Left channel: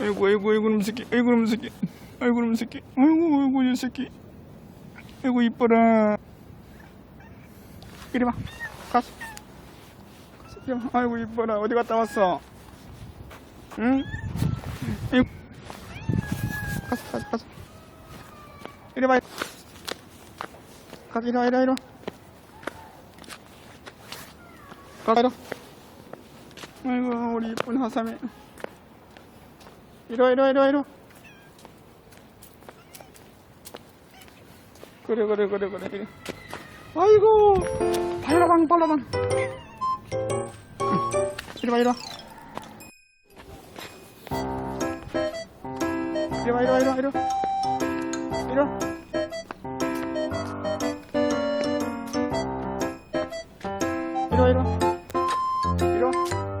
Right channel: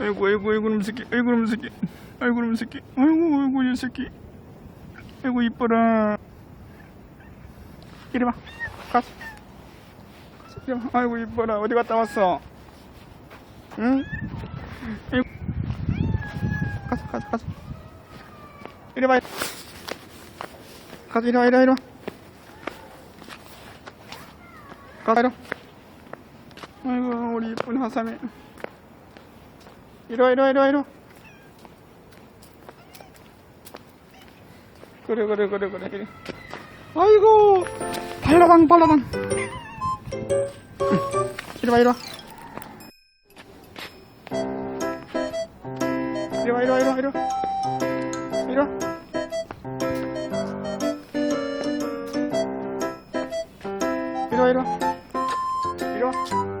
아이고 아이고 아이고 놈 새끼. 아이고 놈 새끼. 아이고 놈 새끼. 아이고 아이고 이 새끼. 아이고 이뻐라. 이리 와. 가서 이리 와. 아이고 이뻐라. 어디 갔다 왔어? 응? 아이고. 가서 가서 가서 이리 와. 가서 이리 와 이리 와 이리 와. 가서 이리 와. 아이고 우리 이쁜 하삼이 이리 와 이리 와 이리 와 이리 와. 그래 그래 그래 그래. 이리. 아이고. 발라당 발라당. 응. 이리 와 이리 와. 이리 와 이리 와 이리 와 이리 와. 이리 와. 이리 와 이리 와. 이리 와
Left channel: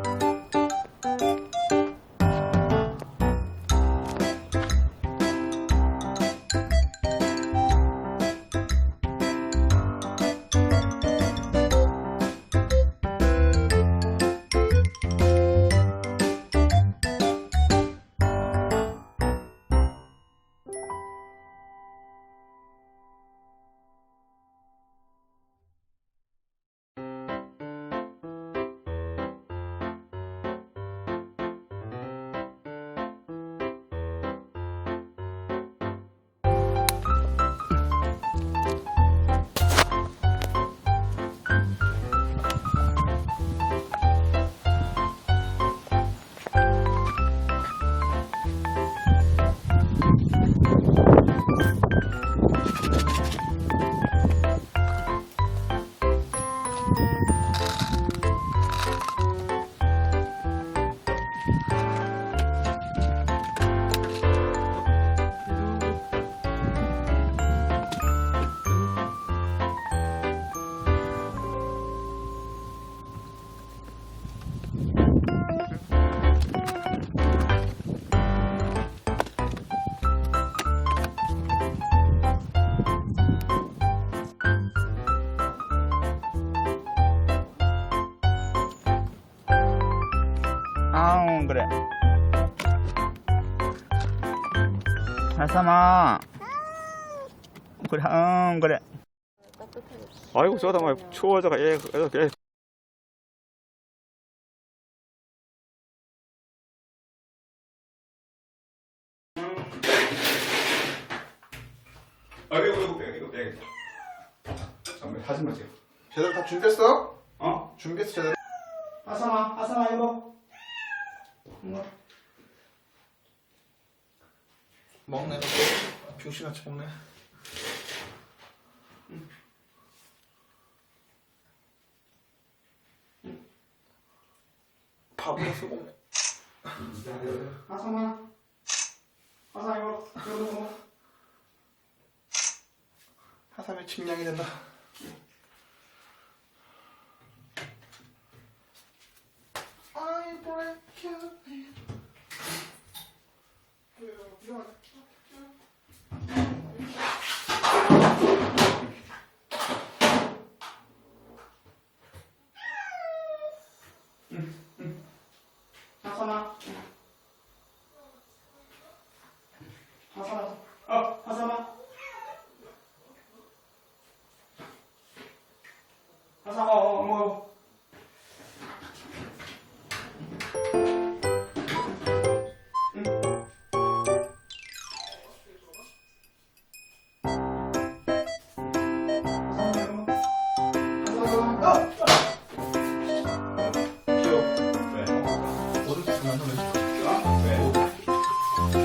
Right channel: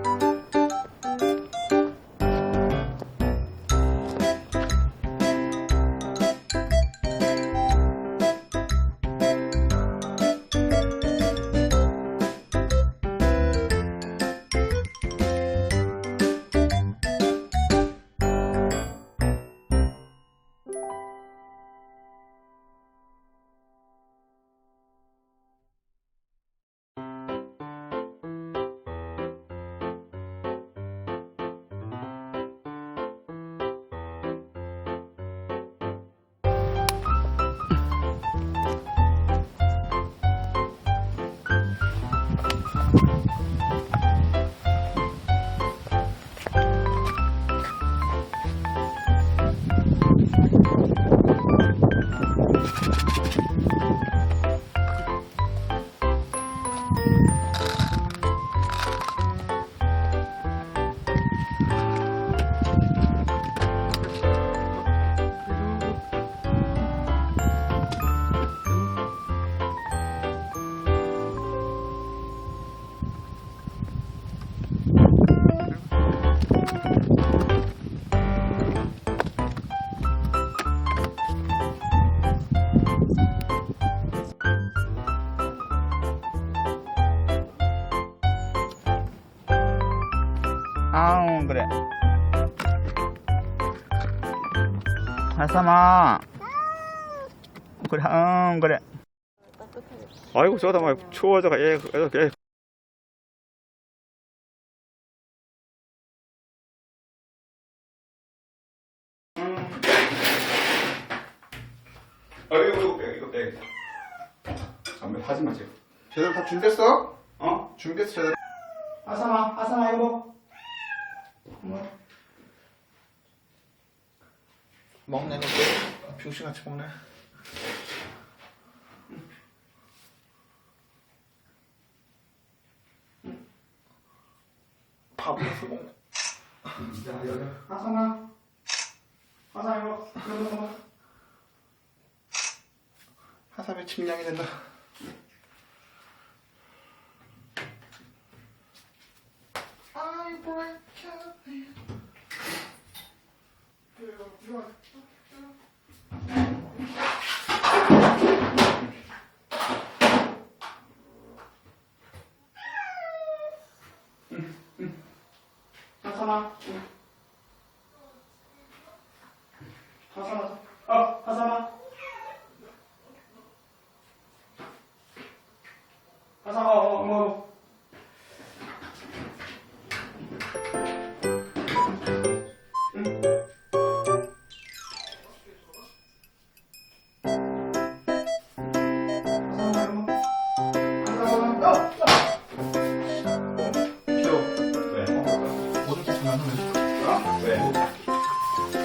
아웅 그래 하삼아 그래 응 그래 아이고 저다 막 추워져가 얘, 얘, 얘. 아이고 이거 빼 이거 빼 잠깐 하지마 지금 제대로 다 준비했어? 어? 준비했어 제대로? 아삼아 아삼아 이거 뭐 먹네 그거. 병신같이 먹네. 밥이라서 먹네. 아삼아. 아삼아 이거 이거 먹어. 하삼이 침량이 된다 잠깐만.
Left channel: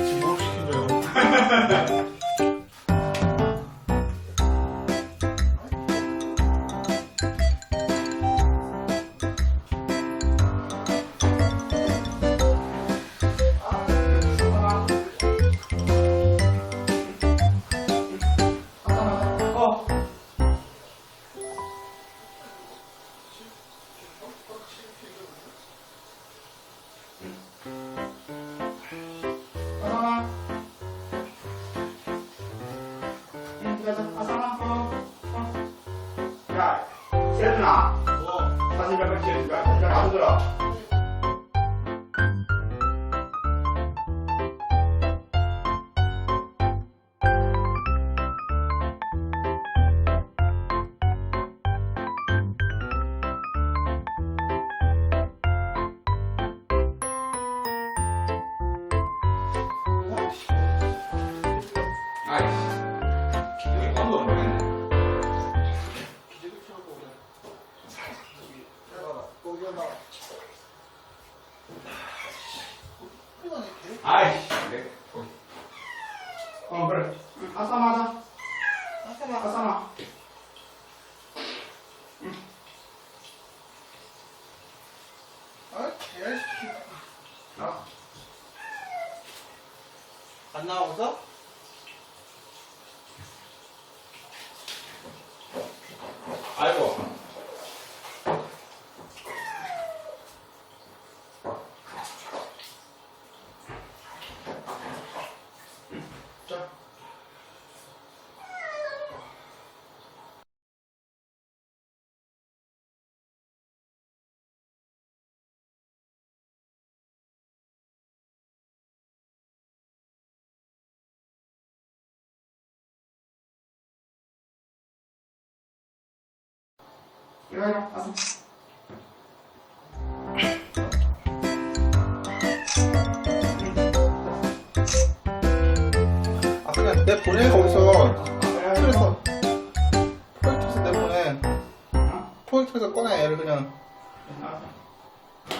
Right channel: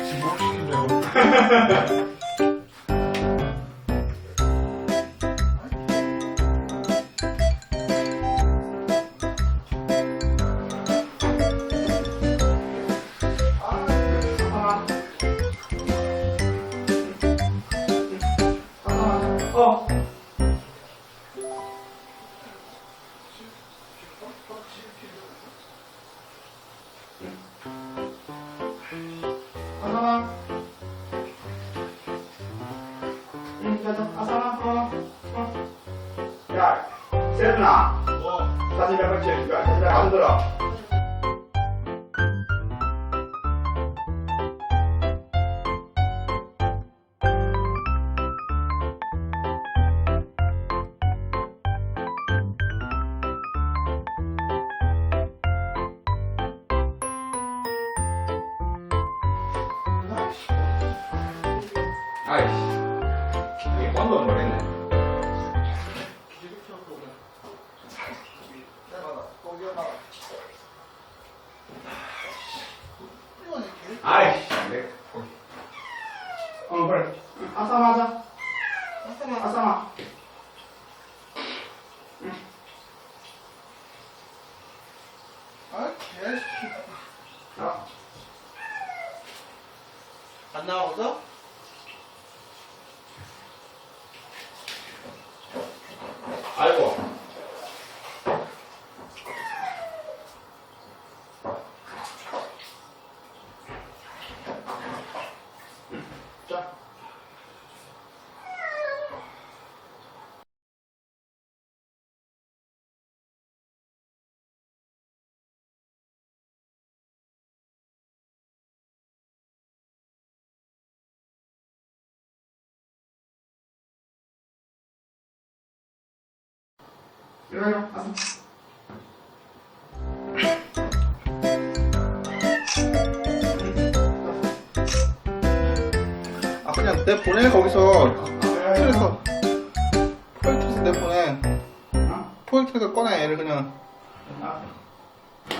지금 하고 싶은데요. 야, 세준아. 어. 사진 몇번 찍어줄까? 세준아, 안 들어. 아이씨. 일어나, 와서. 아 그냥 내 보내 거기서 틀에서 포획해서 내 보내 어? 포획해서 꺼내 얘를 그냥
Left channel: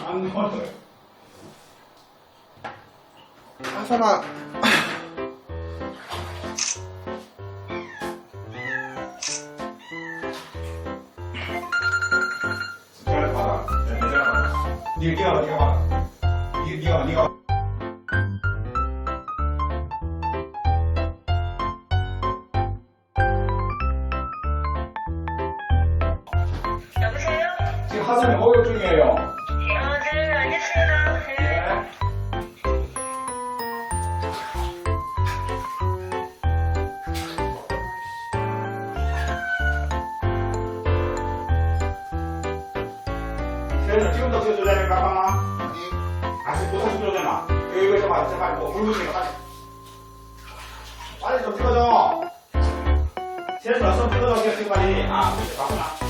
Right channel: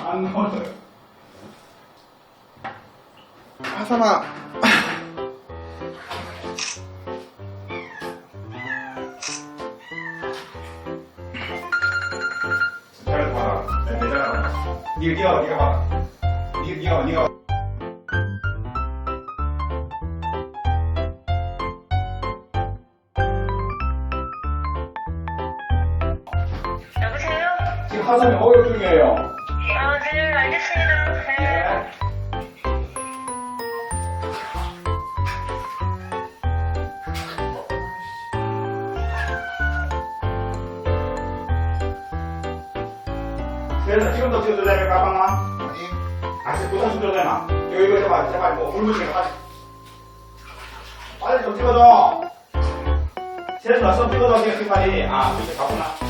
안 넣어줘요. 하선아 니가 봐, 니가 봐라. 봐, 니가. 봐. 여보세요? 지금 하선이 어역 중이에요. 아, 네, 알겠습니다. 그래서 지금도 찍어도 되니까 잠깐만. 아니 아직 찍어도 되나? 이거 이거 제발 제발 뭐물 묻히니까 빨리. 빨리 좀 찍어줘. 제일 낯선 찍어줘 지금 빨리. 아, 그렇지 가구나.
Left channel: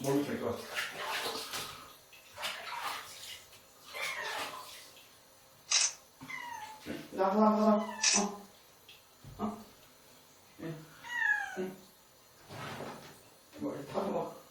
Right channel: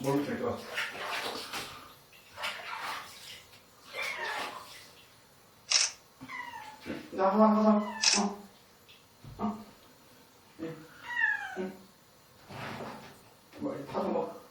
뭘로 될까? 나가 나가 어. 어. 응. 응. 뭐 타서 먹.